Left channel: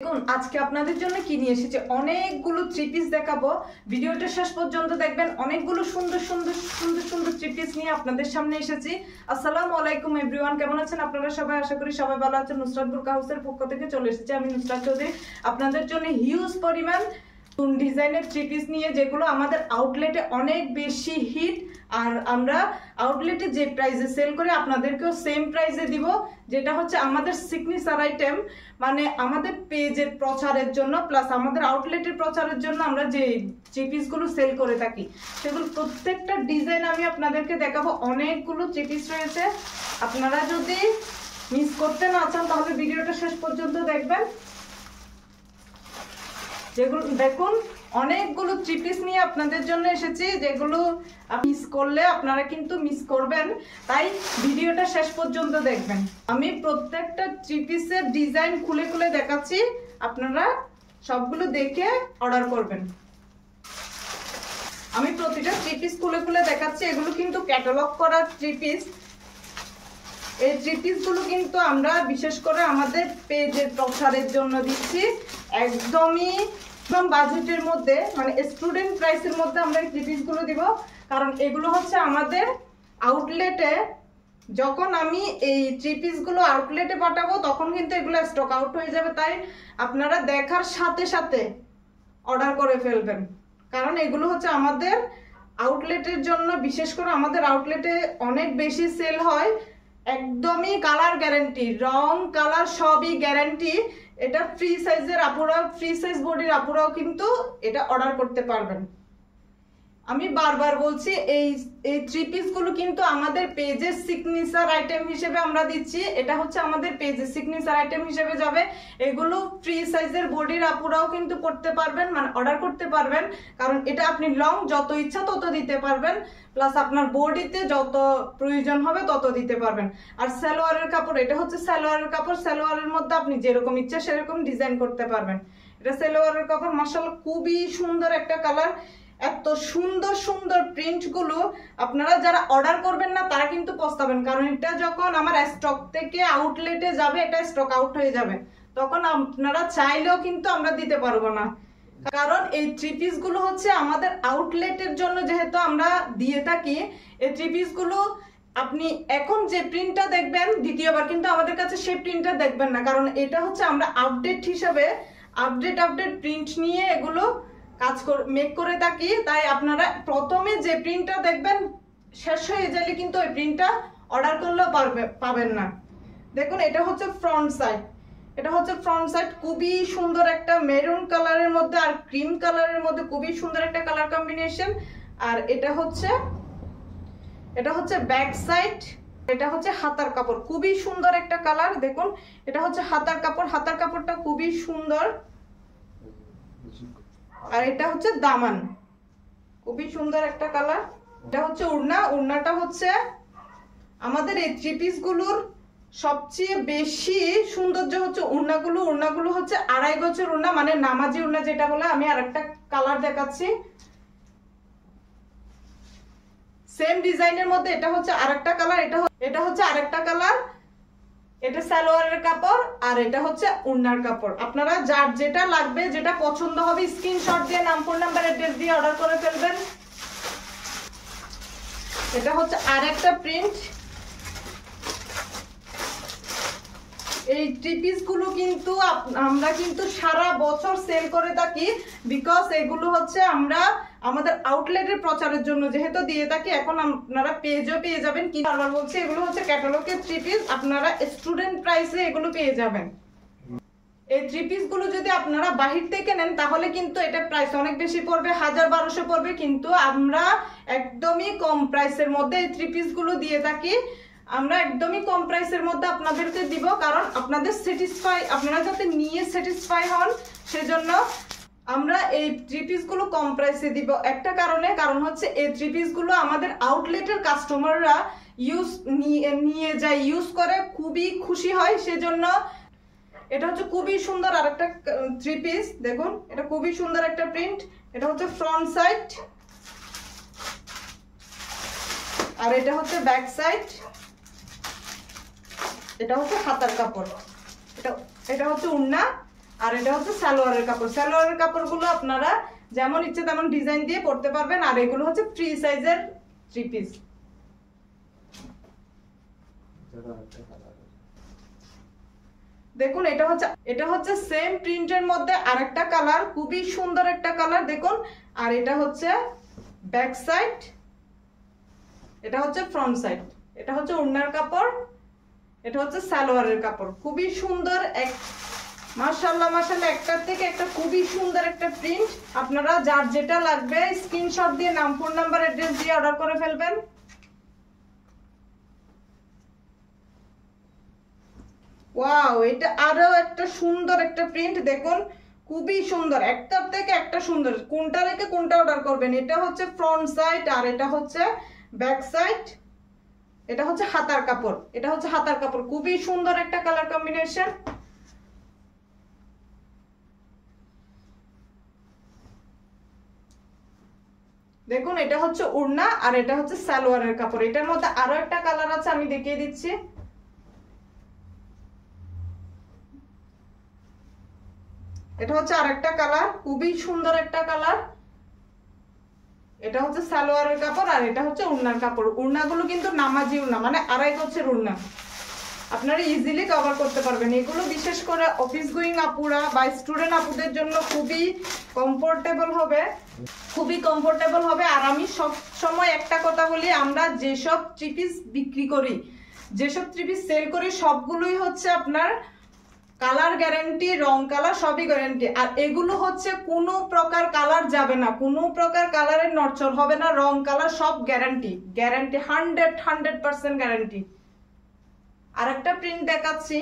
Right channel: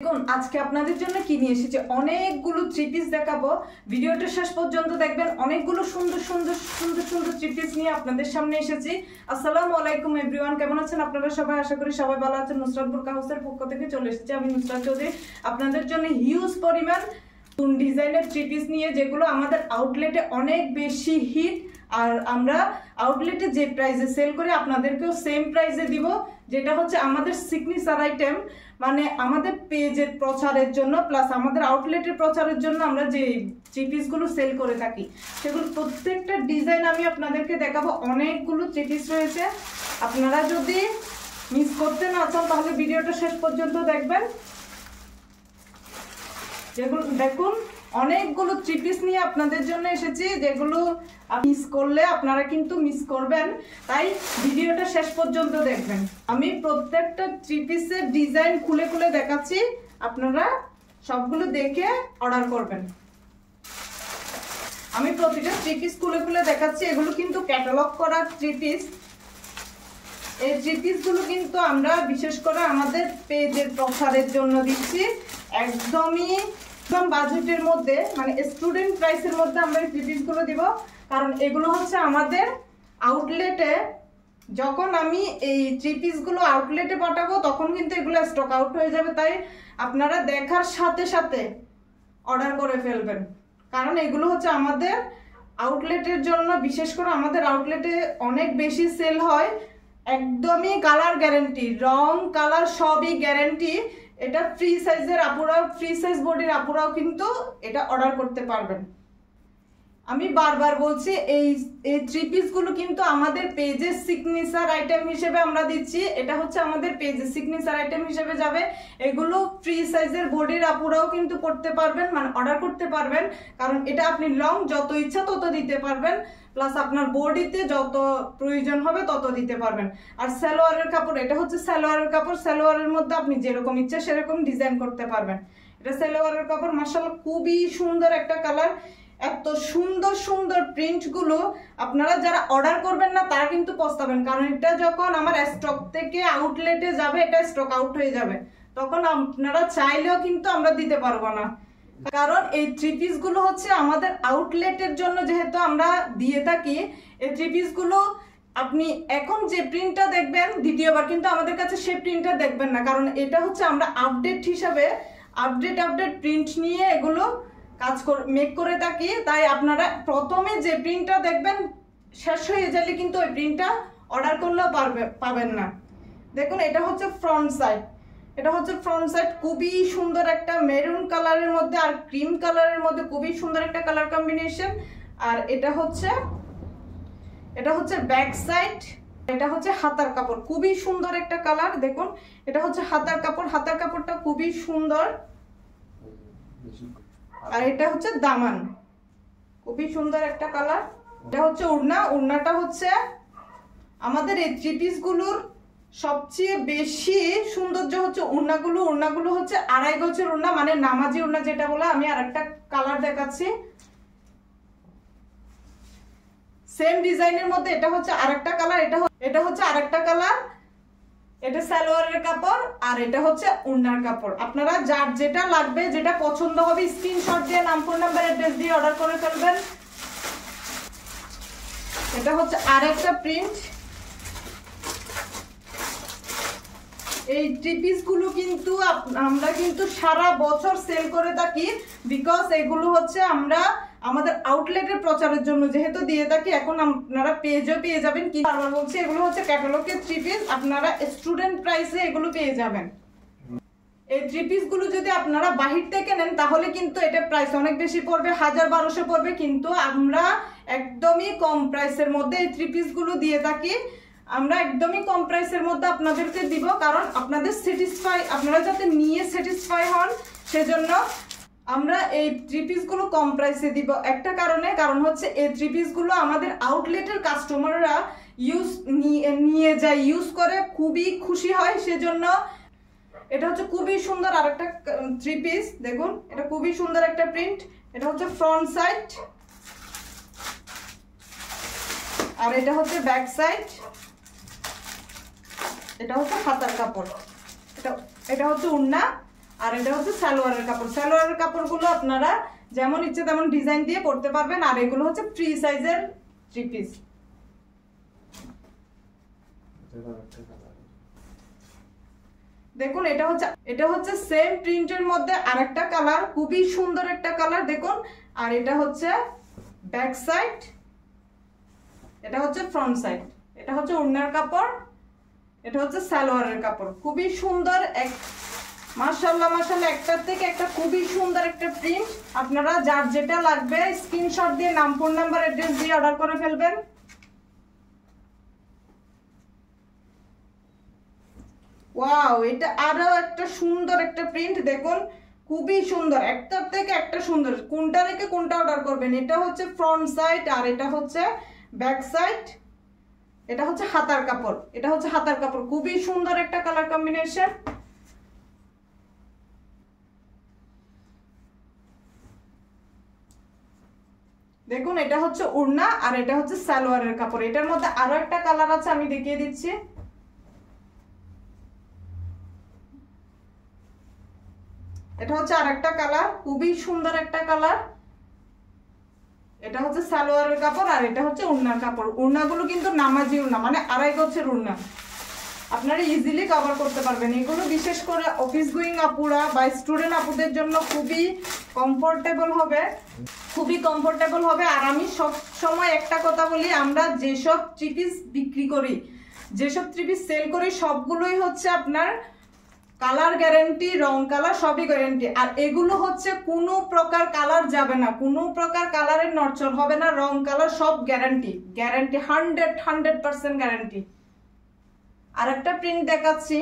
দেখুন আজকে আপনাদের জন্য কি নিয়ে এসেছে, অনেকগুলো থ্রি পিস দেখাবো। ভিডিওটা শেষ পর্যন্ত দেখবেন। অনেকগুলো সুন্দর সুন্দর সুন্দর সুন্দর থ্রি পিস নিয়ে আপনাদের সামনে এসেছি। আসসালামু আলাইকুম এভরিওয়ান, কেমন আছেন আপনারা সবাই? আশা করি সবাই ভালো আছেন। নুসরাত বুরকা হাউসের পক্ষ থেকে চলে এসেছি আমি নুসরাত চৌধুরী আপনাদের জন্য হিউজ পরিমাণ ডিজাইনের থ্রি পিস নিয়ে, যেগুলো আমাদের আউটলেটে অনেক বেশি হিট। আর আমরা আউটলেটে যে প্রাইসে সেল করে আপনাদেরকেও সেম প্রাইসে দিব, যেটা হচ্ছে আমাদের সিগনেচার আইটেম। মানে আমাদের পেজের প্রচারের জন্য প্লাস আমাদের আউটলেটের প্রচারের জন্য আমরা যে থ্রি পিসগুলো সেল করে থাকি, সেগুলো প্রত্যেকটা ডিজাইন আমি আপনাদেরকে দেখাবো। অনেকগুলো থ্রি পিস রয়েছে, আপনারা যদি মিস করতে না চান তাহলে ভিডিওটা শেষ পর্যন্ত দেখবেন। যেগুলো দেখুন অনেকগুলো থ্রি পিস নিয়ে আপনাদের জন্য এসেছি, যেগুলো মিস করলে আপনারা কিন্তু মিস করবেন, তাই ভিডিওটা শেষ পর্যন্ত দেখবেন। আমি প্রত্যেকটা থ্রি পিসের ডিজাইন খুলে খুলে দেখাচ্ছি, আপনারা সবগুলো দেখে অর্ডার করবেন। আমি প্রতিটা থ্রি পিস খুলে খুলে দেখাচ্ছি। এগুলো কিন্তু ক্যাটালগ করা থ্রি পিস। এই থ্রি পিসগুলো কিন্তু আমরা বিশেষ করে আমাদের পেজের প্রচারের জন্য দিচ্ছি, একদমই বাজেটের মধ্যে, মানে স্টুডেন্ট প্রাইসের মধ্যে আমরা এই থ্রি পিসগুলো দিব। কারণ এগুলো হচ্ছে আমাদের আউটলেটে, যখন আমি এই থ্রি পিসগুলো আউটলেটে পাঠাবো তখন কিন্তু এগুলো স্টক আউট হয়ে যাবে, তাই আপনারা দেখার সাথে সাথে অর্ডার করে ফেলবেন। কারণ এগুলো হচ্ছে আমাদের আউটলেটের জন্য, বিশেষ করে আমাদের আউটলেটে অনেক বেশি সেল হয়। একদমই কালার গ্যারান্টি, রং কালার সবই গ্যারান্টি। এটা ফ্রি সাইজের আপুরাও, ফ্রি সাইজ বডির আপুরাও কিন্তু এটা অর্ডার করতে পারবেন। আমি বারবার বলছি, এই থ্রি পিসগুলো কিন্তু আমাদের পেজের সিগনেচার আইটেম হিসেবে আমরা দিচ্ছি। এটা হচ্ছে আমাদের পেজের সিগনেচার আইটেম হিসেবে যাবে। এগুলো ফ্রি সাইজের বডির আপুরাও কিন্তু পড়তে পারবেন, মানে অর্ডার করতে পারবেন। কারণ এটা আপনি লং যত ইচ্ছা তত দিতে পারবেন, প্লাস আপনার বডিতে যত প্রয়োজন হবে তত দিতে পারবেন। আর সালোয়ারের কাপড়, এটা হচ্ছে সালোয়ারের কাপড়। সালোয়ারের মধ্যে আপনি যেরকম ইচ্ছা সেরকম ডিজাইন করতে পারবেন। এটা সালোয়ারের কাপড়, মাশাআল্লাহ খুবই সুন্দর একটা কালার। এত সুন্দর সুন্দর প্রিন্ট গুলো আপনারা যারা অর্ডার করবেন না তারা কিন্তু পস্তাবেন। কারণ এটা যখন আমার স্টক থেকে আউটলেটে যাবে, এটা স্টক আউট হয়ে যাবে, তখন আপনারা চাইলেও কিন্তু আমরা দিতে পারবো না। কারণ এই থ্রি পিস গুলো হচ্ছে আমাদের আউটলেটের জন্য যেহেতু আমরা দিয়ে থাকি, এই থ্রি পিস গুলো আপনি এখন যে প্রিন্টটা দেখবেন দ্বিতীয়বার কিন্তু আমাদের কাছে সেই প্রিন্টটা দেখবেন না। কারণ এটা হচ্ছে আমরা আপডেট হিসাবে আপডেট প্রিন্ট নিয়ে এগুলো কাজ মেক করে থাকি। তাই আপনারা প্রথমে যে প্রিন্টটা দেখবেন শেষ হয়ে গেলে কিন্তু ওই প্রিন্টটা অর্ডার করলেও পাবেন না। দেখুন এটা হচ্ছে ফ্রন্ট সাইড, এটা হচ্ছে ফ্রন্ট সাইড, খুবই সুন্দর একটা মেরুন কালারের মধ্যে আর ক্রিম কালারের মধ্যে খুবই সুন্দর একটা কালার কম্বিনেশন। আর এটা হচ্ছে ব্যাক সাইড, এটা হচ্ছে হাতার কাপড়, খুবই সুন্দর একটা কালার। দেখুন এটা হচ্ছে হাতার কাপড়, হাতার কাপড়টা খুবই সুন্দর। আর এটা হচ্ছে দামান, খুবই সুন্দর একটা কালার। এটা হচ্ছে ওড়না, ওড়নাটা হচ্ছে আমাদের এই থ্রি পিস গুলোর সবচেয়ে বেশি সৌন্দর্য হচ্ছে ওড়নাগুলো। ওড়নাগুলো হচ্ছে 2.5 গজের ওড়না, মানে নামাজি ওড়না যেটা বলে। আমি আরেকটা কালার দেখাচ্ছি সেম ডিজাইনের মধ্যে। এটা হচ্ছে আরেকটা কালার, এটা হচ্ছে আরেকটা কালার। এটা সালোয়ারের কাপড় আর এটা হচ্ছে ওড়নার কাপড়। আপনারা যার যেটা লাগবে, যেটা পছন্দ হবে স্ক্রিনশট দিয়ে নাম, ফোন নাম্বার, অ্যাড্রেস দিয়ে অর্ডার করে ফেলবেন। এটা হচ্ছে আরেকটা প্রিন্ট। এই থ্রি পিস গুলো কিন্তু আমরা কিন্তু সারা বছর সেল করে থাকি, বিকজ এগুলো হচ্ছে আমরা আমাদের আউটলেটের প্রচারের জন্য যেহেতু দিয়ে থাকি। এখন আপনারা পেজও পেয়ে যাবেন, কি বারবার বলছি, এগুলো হচ্ছে ক্যাটালগের থ্রি পিস, আপনারা স্টুডেন্ট প্রাইসে এগুলো পেয়ে যাবেন। এই থ্রি পিস গুলো যদি আপনারা বাহির থেকে নেন তাহলে কিন্তু এটা প্রাইস অনেক বেশি পড়বে, 1000-1200 পড়বে। কিন্তু আমরা একদমই কম প্রাইসের মধ্যে এই থ্রি পিস গুলো দিয়ে থাকি। আমরা একদমই কম প্রাইসের মধ্যে আপনাদেরকে দিব, কারণ আপনাদের আপনারা যাতে নিয়ে স্যাটিসফাই হন, সেজন্য আমরা এই থ্রি পিস গুলো কম প্রাইসে দিব। একটা কারণ হচ্ছে এই থ্রি পিস গুলো আমাদের আউটলেটের কাস্টমাররা নিয়ে যায়, ইউজ করে, খুবই খুশি হয়, সেজন্য। এটা হচ্ছে খুবই সুন্দর আরেকটা থ্রি পিস। দেখুন এটা খুবই সুন্দর একটা প্রিন্ট। এটা হচ্ছে ফ্রন্ট সাইড আর এটা হচ্ছে ব্যাক সাইড। এটা হচ্ছে হাতার কাপড়, এটা হচ্ছে ওড়না। আর এটা হচ্ছে সালোয়ারের কাপড়। সালোয়ারের কাপড়গুলো আপনারা যেমন ইচ্ছে তেমন ডিজাইন দিয়ে পরতে পারবেন। আর এগুলো হচ্ছে ফ্রি সাইজের 3 পিস। দেখুন এটা হচ্ছে সেম প্রিন্টের মধ্যে আরেকটা কালার, খুবই সুন্দর একটা কালার দেখুন। আর এটা হচ্ছে ব্যাক সাইড, এটা হচ্ছে ফ্রন্ট সাইড, এটা হচ্ছে ওড়নার কাপড়, এটা হচ্ছে সালোয়ারের কাপড়। খুবই সুন্দর এক মাশাআল্লাহ মাশাআল্লাহ, একটার থেকে একটা খুবই সুন্দর একটা প্রিন্ট। আপনারা যার যেটা লাগবে স্ক্রিনশট দিয়ে নাম, ফোন নাম্বার, অ্যাড্রেস দিয়ে অর্ডার করে ফেলবেন। ওয়াও, এটা আরো একটা সুন্দর একটা প্রিন্ট দেখুন, খুবই সুন্দর, একটার থেকে একটা সুন্দর। কোনটা রেখে কোনটা অর্ডার করবেন। এটা হচ্ছে ফ্রন্ট সাইড আর এটা হচ্ছে ব্যাক সাইড, এটা হচ্ছে হাতার কাপড়, এটা হচ্ছে হাতার কাপড়। খুবই সুন্দর একটা কালার কম্বিনেশন। দেখুন এটা হচ্ছে ওড়না আর এটা হচ্ছে সালোয়ারের কাপড়। এটার মধ্যে আরো একটা কালার আছে, আমি দেখিয়ে দিচ্ছি। এটা হচ্ছে আরেকটা কালার, খুবই সুন্দর একটা কালার। এটা হচ্ছে সালোয়ারের কাপড় আর এটা হচ্ছে ওড়নার কাপড়। ওড়নাগুলো কিন্তু নামাজি ওড়না, মানে 2.5 গজের ওড়না, আপনারা ইজিলি কভার করতে পারবেন। এগুলো বিশেষ করে অফিস গোয়িং আপুরা বা স্টুডেন্ট আপুদের জন্য খুবই কমফোর্টেবল হবে, খুবই কমফোর্টেবল হবে। আর আমি সব সময় একটা কথা বলি, আমরা যেসব 3 পিস বিক্রি করি, যেসব 3 পিস সেল করি, সবগুলোই হচ্ছে আপনার কালার গ্যারান্টি, রং কালার সবই গ্যারান্টি। আর এগুলো হচ্ছে কোনো প্রকার কালার যাবে না, কোনো প্রকার কালারের নড়চড় হবে না, রং কালার সব গ্যারান্টি, গ্যারান্টি 100% গ্যারান্টি। আরেকটা প্রিন্ট দেখাচ্ছি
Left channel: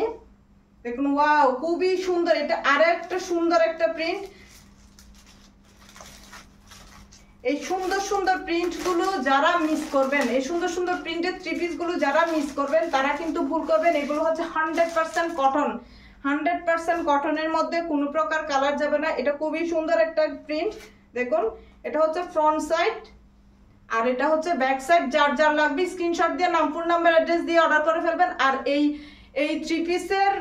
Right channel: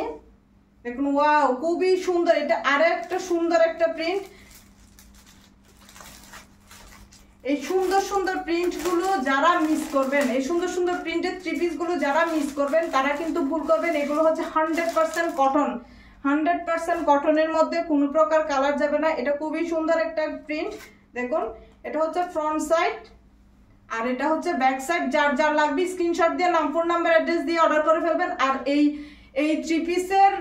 দেখুন, ওয়াও খুবই সুন্দর, এটা আরো একটা সুন্দর একটা প্রিন্ট। এই সুন্দর সুন্দর প্রিন্ট গুলো যারা মিস করবেন, এই সুন্দর সুন্দর প্রিন্টের 3 পিস গুলো যারা মিস করবেন তারা কিন্তু ভুল করবেন। এগুলো হচ্ছে 100% কটন, 100% কটনের মধ্যে কোনো প্রকার কালার যাবে না। এটা খুবই সুন্দর একটা প্রিন্ট দেখুন। এটা হচ্ছে ফ্রন্ট সাইড আর এটা হচ্ছে ব্যাক সাইড। যার যার লাগবে স্ক্রিনশট দিয়ে নাম, ফোন নাম্বার, অ্যাড্রেস দিয়ে অর্ডার করে ফেলবেন। আর এই 3 পিসের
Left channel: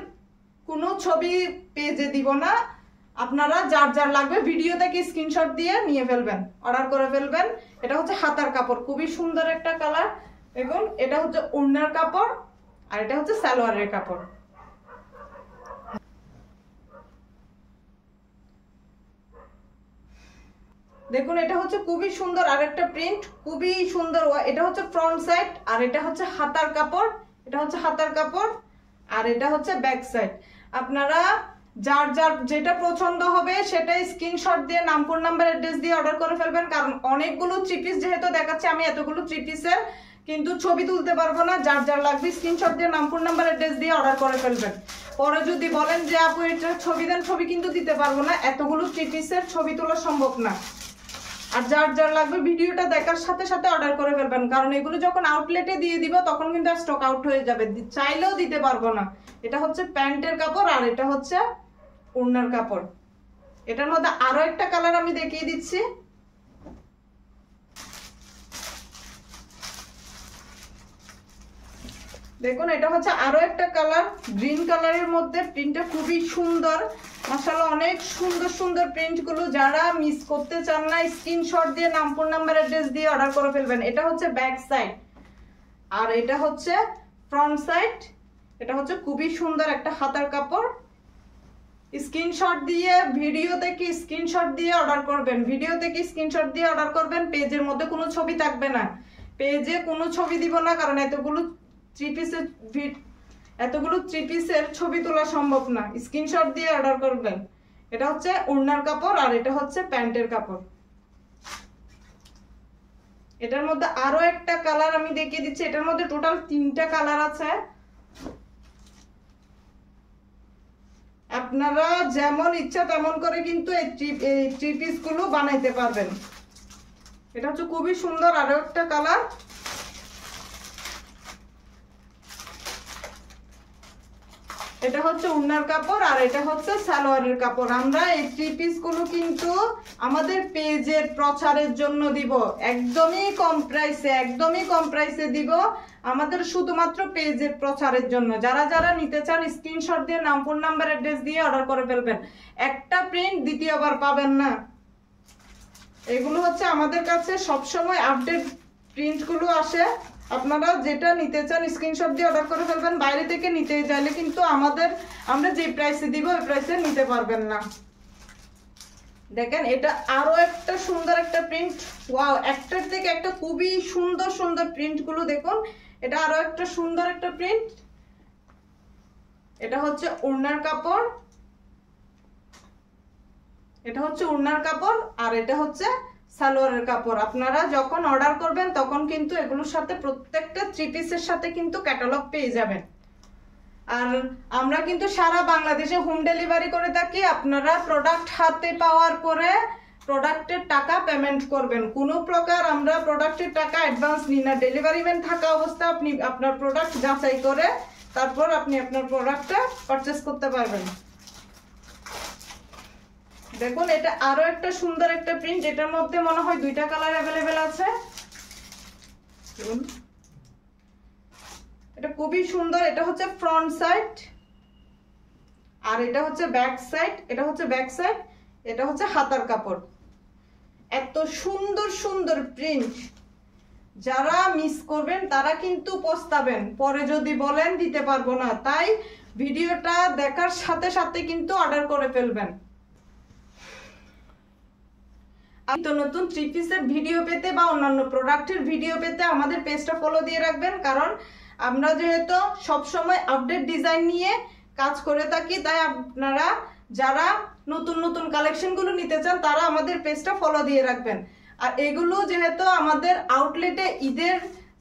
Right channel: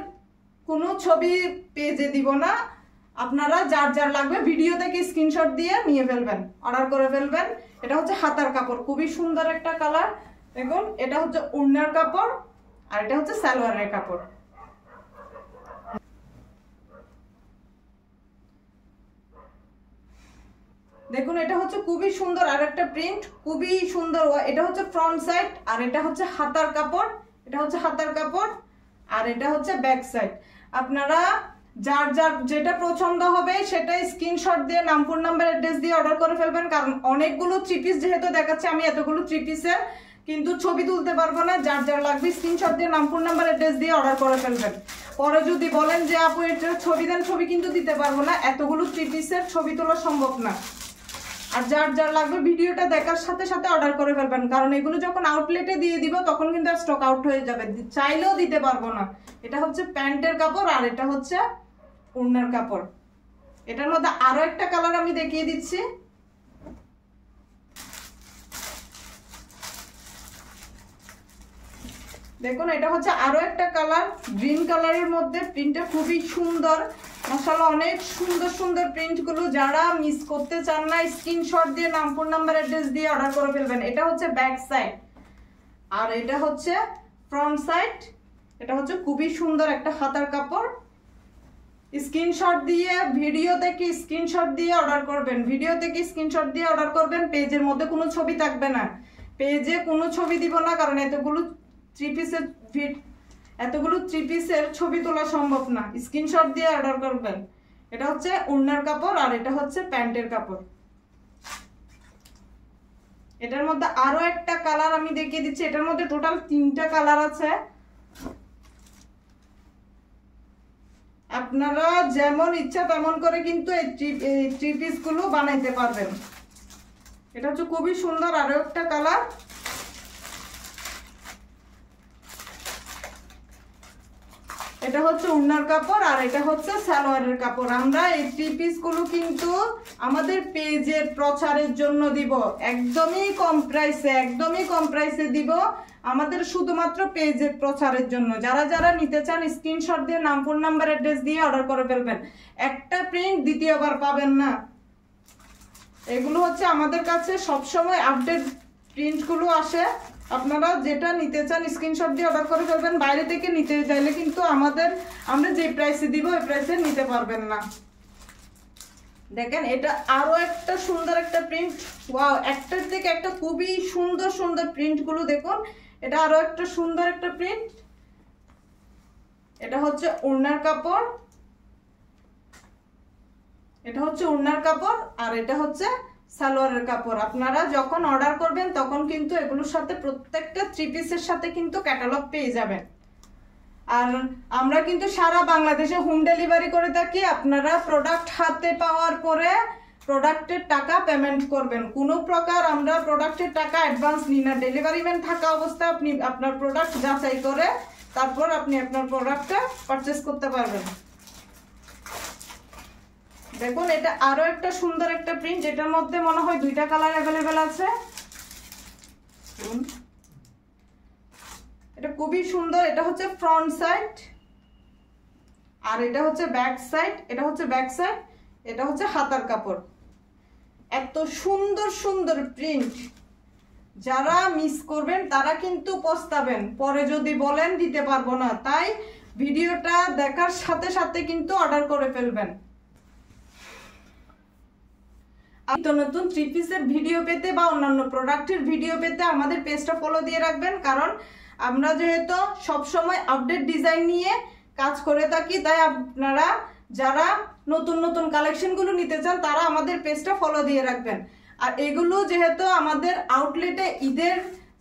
কোনো ছবি পেজে দিব না, আপনারা যার যার লাগবে ভিডিও থেকে স্ক্রিনশট দিয়ে নিয়ে ফেলবেন, অর্ডার করে ফেলবেন। এটা হচ্ছে হাতার কাপড়, খুবই সুন্দর একটা কালার দেখুন। এটা হচ্ছে ওড়নার কাপড় আর এটা হচ্ছে সালোয়ারের কাপড়। দেখুন এটা হচ্ছে খুবই সুন্দর আরেকটা প্রিন্ট, খুবই সুন্দর। এটা হচ্ছে ফ্রন্ট সাইড আর এটা হচ্ছে হাতার কাপড়, এটা হচ্ছে হাতার কাপড় আর এটা হচ্ছে ব্যাক সাইড। আপনারা যার যার যেটা পছন্দ হবে সেটাই স্ক্রিনশট দিয়ে নাম, ফোন নাম্বার, অ্যাড্রেস দিয়ে অর্ডার করে ফেলবেন। কারণ অনেকগুলো 3 পিস যেহেতু দেখাচ্ছে, আমি এতগুলো 3 পিসের কিন্তু ছবি তুলতে পারবো না। যার যার লাগবে স্ক্রিনশট দিয়ে নাম, ফোন নাম্বার, অ্যাড্রেস দিয়ে অর্ডার করে ফেলবেন। পরে যদি বলেন যে আপু এটা ছবি দেন, ছবি কিন্তু দিতে পারবো না, এতগুলো 3 পিসের ছবি তোলা সম্ভব না। আর যার যার লাগবে ভিডিওটা দেখার সাথে সাথে অর্ডার করে ফেলবেন, কারণ এগুলো যখন আউটলেটে দিয়ে দিব তখন কিন্তু স্টক আউট হয়ে যাবে, চাইলেও দিতে পারবো না। এটা হচ্ছে প্যান্টের কাপড় আর এটা হচ্ছে ওড়নার কাপড়। এটার মধ্যে আরো একটা কালার আমি দেখিয়ে দিচ্ছি। দেখুন এটা হচ্ছে আরো একটা কালার, গ্রিন কালারের মধ্যে। প্রিন্টটা খুবই সুন্দর মাশাআল্লাহ, অনেক সুন্দর সুন্দর প্রিন্ট গুলো। যারা মিস করতে চান না স্ক্রিনশট দিয়ে নাম, ফোন নাম্বার, অ্যাড্রেস দিয়ে অর্ডার করে ফেলবেন। এটা হচ্ছে ব্যাক সাইড আর এটা হচ্ছে ফ্রন্ট সাইড। এটা হচ্ছে খুবই সুন্দর একটা হাতার কাপড়। স্ক্রিনশট দিয়ে ভিডিও থেকে স্ক্রিনশট দিয়ে অর্ডার করবেন, ভিডিও থেকে স্ক্রিনশট দিয়ে অর্ডার করবেন। পেজের মধ্যে কোনো ছবি থাকবে না, পেজে কোনো ছবি দিব না, কারণ এতগুলো 3 পিসের ছবি তোলা সম্ভব না। স্ক্রিনশট দিয়ে অর্ডার করবেন। এটা হচ্ছে ওড়নার কাপড় আর এটা হচ্ছে প্যান্টের কাপড়। এটার মধ্যে আরো একটা কালার আমি দেখিয়ে দিচ্ছি। এটার মধ্যে টোটাল 3টা কালার আছে। আপনারা যেমন ইচ্ছা তেমন করে কিন্তু এই 3 পিস গুলো বানাইতে পারবেন। এটা হচ্ছে খুবই সুন্দর আরো একটা কালার। এটা হচ্ছে ওড়নার কাপড় আর এটা হচ্ছে সালোয়ারের কাপড়। আমরা এই 3 পিস গুলো কিন্তু আমাদের পেজের প্রচারের জন্য দিব, একদমই কম প্রাইসে, একদমই কম প্রাইসে দিব। আমাদের শুধুমাত্র পেজের প্রচারের জন্য। যারা যারা নিতে চান স্ক্রিনশট দিয়ে নাম, ফোন নাম্বার, অ্যাড্রেস দিয়ে অর্ডার করে ফেলবেন। একটা প্রিন্ট দ্বিতীয়বার পাবেন না। এগুলো হচ্ছে আমাদের কাছে সবসময় আপডেট প্রিন্টগুলো আসে। আপনারা যেটা নিতে চান স্ক্রিনশট দিয়ে অর্ডার করে ফেলবেন। বাইরে থেকে নিতে চাইলে কিন্তু আমরা যে প্রাইসে দিব ওই প্রাইসে নিতে পারবেন না। দেখেন এটা আরো একটা সুন্দর একটা প্রিন্ট। ওয়াও, একটার থেকে একটা খুবই সুন্দর সুন্দর প্রিন্টগুলো দেখুন। এটা আরো একটা সুন্দর একটা প্রিন্ট। এটা হচ্ছে ওড়নার কাপড়, এটা হচ্ছে ওড়নার কাপড়, আর এটা হচ্ছে সালোয়ারের কাপড়। আপনারা যখন অর্ডার করবেন তখন কিন্তু এগুলোর সাথে প্রত্যেকটা 3 পিসের সাথে কিন্তু ক্যাটালগ পেয়ে যাবেন। আর আমরা কিন্তু সারা বাংলাদেশে হোম ডেলিভারি করে থাকি। আপনারা প্রোডাক্ট হাতে পাওয়ার পরে প্রোডাক্টের টাকা পেমেন্ট করবেন। কোনো প্রকার আমরা প্রোডাক্টের টাকা অ্যাডভান্স নিই না। ডেলিভারি ম্যান থাকা অবস্থায় আপনি আপনার প্রোডাক্ট যাচাই করে তারপর আপনি আপনার প্রোডাক্টটা পারচেস করতে পারবেন। দেখুন এটা আরো একটা সুন্দর একটা প্রিন্ট। এটার মধ্যে মনে হয় 2টা কালার অ্যাভেলেবেল আছে। এটা খুবই সুন্দর। এটা হচ্ছে ফ্রন্ট সাইড আর এটা হচ্ছে ব্যাক সাইড। এটা হচ্ছে ব্যাক সাইড, এটা হচ্ছে হাতার কাপড়। এত সুন্দর সুন্দর প্রিন্ট, যারা মিস করবেন তারা কিন্তু পস্তাবেন পরে যদি বলেন দিতে পারবো না। তাই ভিডিওটা দেখার সাথে সাথে কিন্তু অর্ডার করে ফেলবেন। নতুন 3 পিসের ভিডিও পেতে বা অন্যান্য প্রোডাক্টের ভিডিও পেতে আমাদের পেজটা ফলো দিয়ে রাখবেন। কারণ আমরা যেহেতু সবসময় আপডেট ডিজাইন নিয়ে কাজ করে থাকি, তাই আপনারা যারা নতুন নতুন কালেকশনগুলো নিতে চান তারা আমাদের পেজটা ফলো দিয়ে রাখবেন। আর এগুলো যেহেতু আমাদের আউটলেটে ঈদের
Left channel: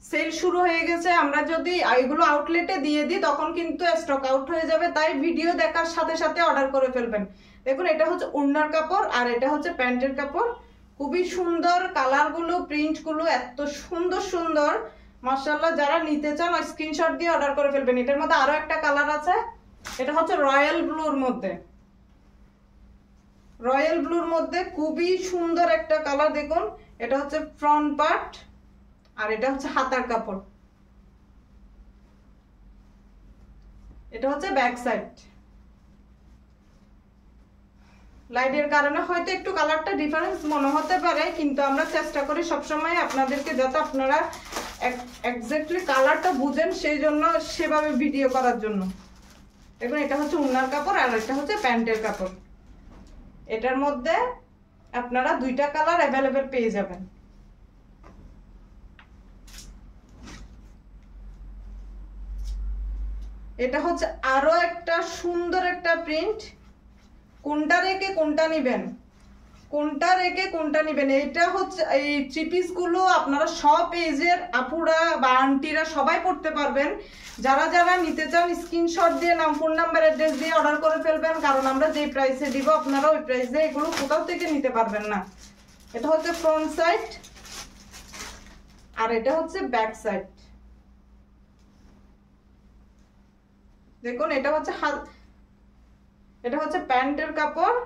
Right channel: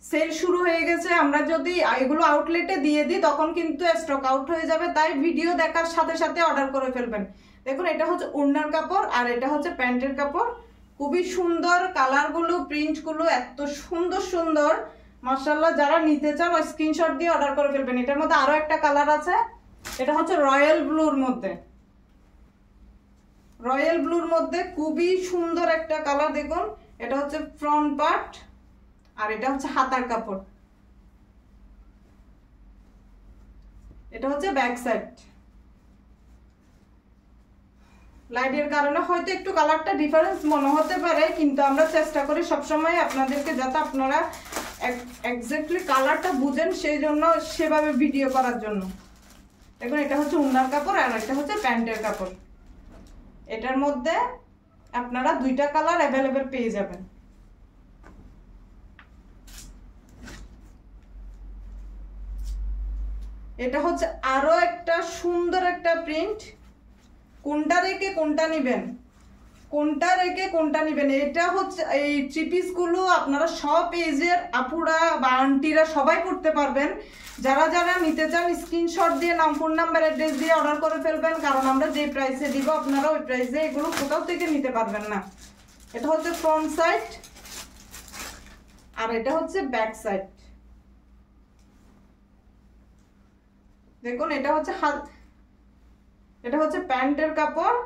সেল শুরু হয়ে গেছে, আমরা যদি এগুলো আউটলেটে দিয়ে দিই তখন কিন্তু স্টক আউট হয়ে যাবে। তাই ভিডিও দেখার সাথে সাথে অর্ডার করে ফেলবেন। দেখুন এটা হচ্ছে ওড়নার কাপড় আর এটা হচ্ছে প্যান্টের কাপড়। খুবই সুন্দর কালারগুলো, প্রিন্টগুলো এত সুন্দর সুন্দর, মাশাআল্লাহ। যারা নিতে চান স্ক্রিনশট দিয়ে অর্ডার করে ফেলবেন। এটার মধ্যে আরো একটা কালার আছে, এটা হচ্ছে রয়্যাল ব্লুর মধ্যে। রয়্যাল ব্লুর মধ্যে খুবই সুন্দর একটা কালার। দেখুন এটা হচ্ছে ফ্রন্ট পার্ট আর এটা হচ্ছে হাতার কাপড়, এটা হচ্ছে ব্যাক সাইড। লাইটের কারণে হয়তো একটু কালারটা ডিফারেন্স মনে হতে পারে, কিন্তু আমরা চেষ্টা করি সবসময় আপনাদেরকে যাতে আপনারা এক্স্যাক্টলি কালারটা বুঝেন সেই জন্য সেভাবে ভিডিও করার জন্য। দেখুন এটা হচ্ছে ওড়নার কাপড় আর এটা হচ্ছে প্যান্টের কাপড়। এটার মধ্যে আপনারা 2টা কালার অ্যাভেলেবেল পেয়ে যাবেন। এটা হচ্ছে আরো একটা সুন্দর একটা প্রিন্ট। কোনটা রেখে কোনটা নিবেন, কোনটা রেখে কোনটা নিবেন। এটা হচ্ছে এই 3 পিস গুলো আপনারা সব এজের আপুরা বা আন্টিরা সবাই পড়তে পারবেন। যারা যারা নিতে চান স্ক্রিনশট দিয়ে নাম, ফোন নাম্বার, অ্যাড্রেস দিয়ে অর্ডার করে ফেলবেন। কারণ আমরা যে প্রাইসে দিব আপনারা ওই প্রাইসে এগুলো কোথাও থেকে নিতে পারবেন না। এটা হচ্ছে ফ্রন্ট সাইড আর এটা হচ্ছে ব্যাক সাইড। দেখুন এটা হচ্ছে এটা হচ্ছে প্যান্টের কাপড়,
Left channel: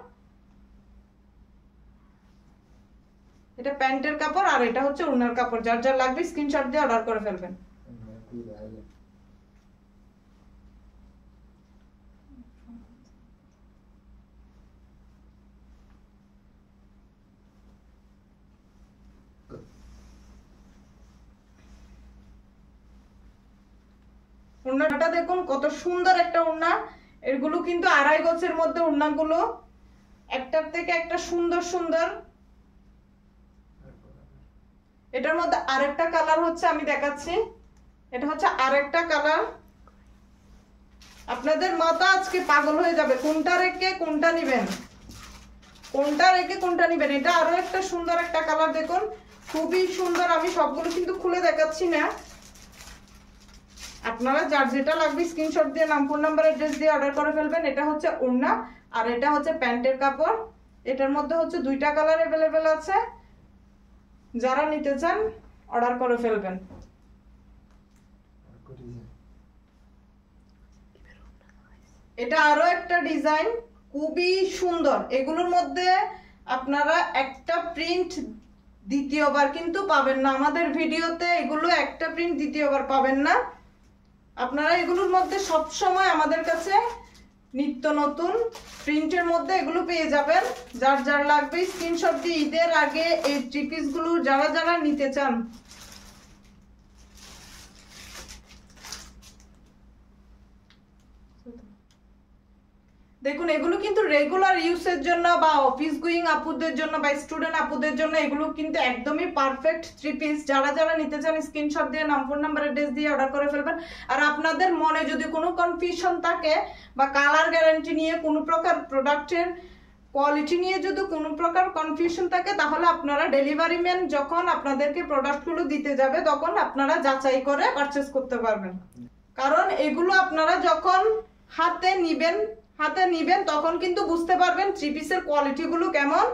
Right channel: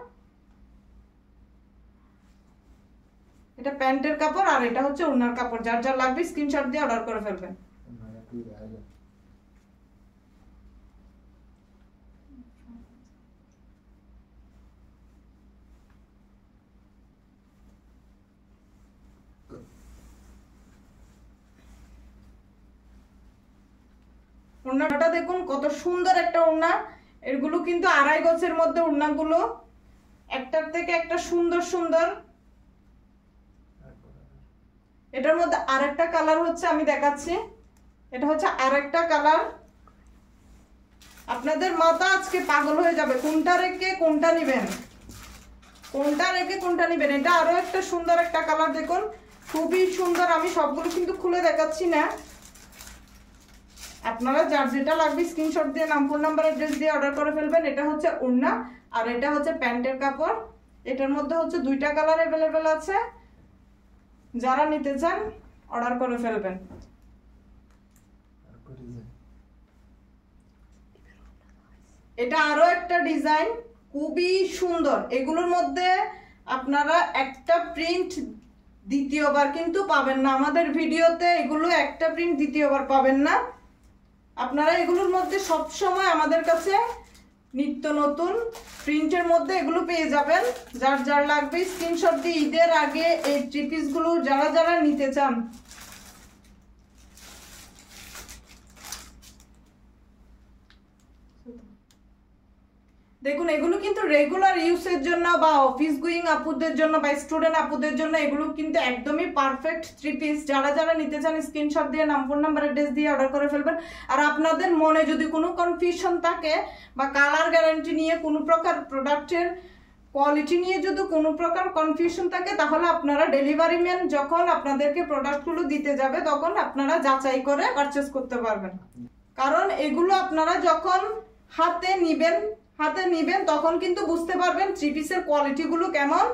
এটা প্যান্টের কাপড় আর এটা হচ্ছে ওড়নার কাপড়। যার যার লাগবে স্ক্রিনশট দিয়ে অর্ডার করে ফেলবেন। ওড়নাটা দেখুন কত সুন্দর একটা ওড়না। এগুলো কিন্তু 2.5 গজের মধ্যে ওড়নাগুলো, একটার থেকে একটা সুন্দর সুন্দর। এটার মধ্যে আরেকটা কালার হচ্ছে, আমি দেখাচ্ছি। এটা হচ্ছে আরেকটা কালার। আপনাদের মাথা আজকে পাগল হয়ে যাবে কোনটা রেখে কোনটা নিবেন, কোনটা রেখে কোনটা নিবেন। এটা আরো একটা সুন্দর একটা কালার। দেখুন খুবই সুন্দর। আমি সবগুলো কিন্তু খুলে দেখাচ্ছি না। আপনারা যার যেটা লাগবে স্ক্রিনশট দিয়ে নাম, ফোন নাম্বার, অ্যাড্রেস দিয়ে অর্ডার করে ফেলবেন। এটা হচ্ছে ওড়না আর এটা হচ্ছে প্যান্টের কাপড়। এটার মধ্যে হচ্ছে 2টা কালার অ্যাভেলেবেল আছে। যারা নিতে চান অর্ডার করে ফেলবেন। এটা আরো একটা ডিজাইন, খুবই সুন্দর। এগুলোর মধ্যে আপনারা একটা প্রিন্ট দ্বিতীয়বার কিন্তু পাবেন না আমাদের ভিডিওতে। এগুলো একটা প্রিন্ট দ্বিতীয়বার পাবেন না আপনারা। এগুলোর মধ্যে সব সময় আমাদের কাছে নিত্য নতুন প্রিন্টের মধ্যে এগুলো পেয়ে যাবেন। যার যার লাগবে স্ক্রিনশট দিয়ে ঈদের আগে এই থ্রি পিসগুলো যারা যারা নিতে চান দেখুন, এগুলো কিন্তু রেগুলার ইউজের জন্য বা অফিস গোয়িং আপুদের জন্য বা স্টুডেন্ট আপুদের জন্য এগুলো কিন্তু একদমই পারফেক্ট থ্রি পিস। যারা যারা নিতে চান স্ক্রিনশট দিয়ে নাম, ফোন নাম্বার, অ্যাড্রেস দিয়ে অর্ডার করে ফেলবেন। আর আপনাদের মনে যদি কোনো কনফিউশন থাকে বা কালার গ্যারান্টি নিয়ে কোনো প্রকার প্রোডাক্টের কোয়ালিটি নিয়ে যদি কোনো প্রকার কনফিউশন থাকে তাহলে আপনারা ডেলিভারি ম্যান যখন আপনাদেরকে প্রোডাক্টগুলো দিতে যাবে তখন আপনারা যাচাই করে পারচেস করতে পারবেন। কারণ এগুলো আপনারা যখন হাতে নিবেন তখন কিন্তু বুঝতে পারবেন থ্রি পিসের কোয়ালিটিগুলো কেমন,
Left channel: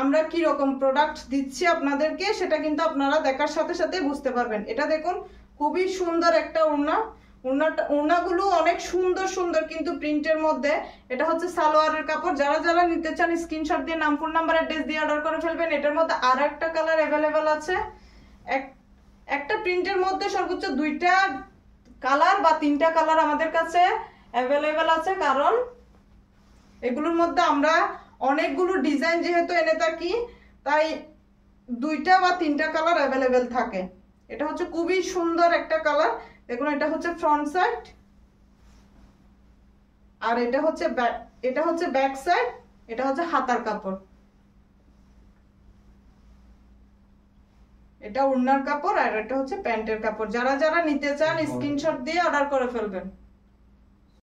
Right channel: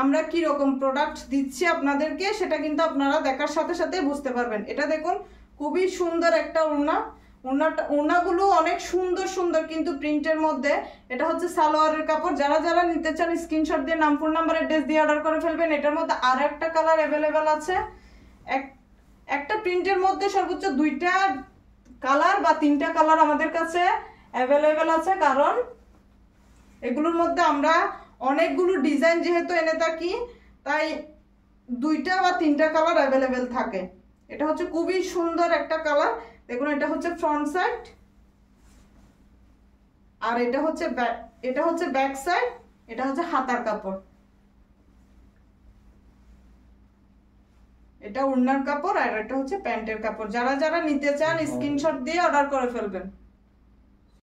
আমরা কি রকম প্রোডাক্ট দিচ্ছি আপনাদেরকে সেটা কিন্তু আপনারা দেখার সাথে সাথে বুঝতে পারবেন। এটা দেখুন খুবই সুন্দর একটা ওড়নাগুলো অনেক সুন্দর সুন্দর কিন্তু প্রিন্টের মধ্যে। এটা হচ্ছে সালোয়ারের কাপড়। যারা যারা নিতে চান স্ক্রিনশট দিয়ে নাম, ফোন নাম্বার, অ্যাড্রেস দিয়ে অর্ডার করে ফেলবেন। এটার মধ্যে আর একটা কালার অ্যাভেলেবেল আছে। একটা প্রিন্টের মধ্যে সর্বোচ্চ 2টা কালার বা 3টা কালার আমাদের কাছে অ্যাভেলেবেল আছে, কারণ এগুলোর মধ্যে আমরা অনেকগুলো ডিজাইন যেহেতু এনে থাকি তাই 2টা বা 3টা কালার অ্যাভেলেবেল থাকে। এটা হচ্ছে খুবই সুন্দর একটা কালার। দেখুন এটা হচ্ছে ফ্রন্ট সাইড আর এটা হচ্ছে ব্যাক সাইড। এটা হচ্ছে হাতার কাপড়, এটা ওড়নার কাপড় আর এটা হচ্ছে প্যান্টের কাপড়। যারা যারা নিতে চান স্ক্রিনশট দিয়ে অর্ডার করে ফেলবেন।